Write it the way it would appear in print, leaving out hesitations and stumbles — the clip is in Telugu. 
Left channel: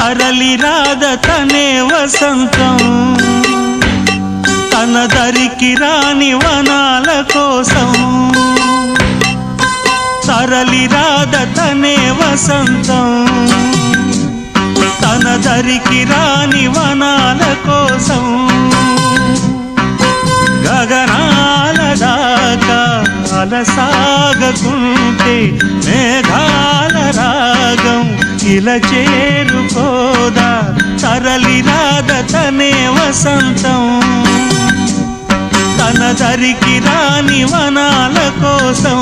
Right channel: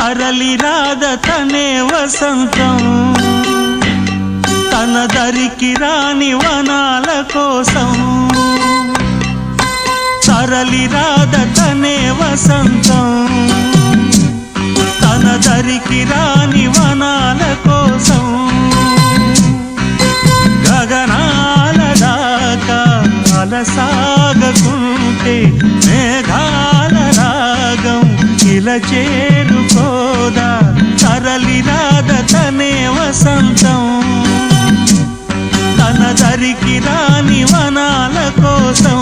తరలి రాద తనే వసంతం తన దరికి రాని వనాల కోసం తరలి రాద తనే వసంతం తన దరికి రాని వనాల కోసం గగనాల దాకా అలసాగకుంటే మేఘాల రాగం ఇలా చేరుకోదా తరలి రాద తనే వసంతం తన దరికి రాని వనాల కోసం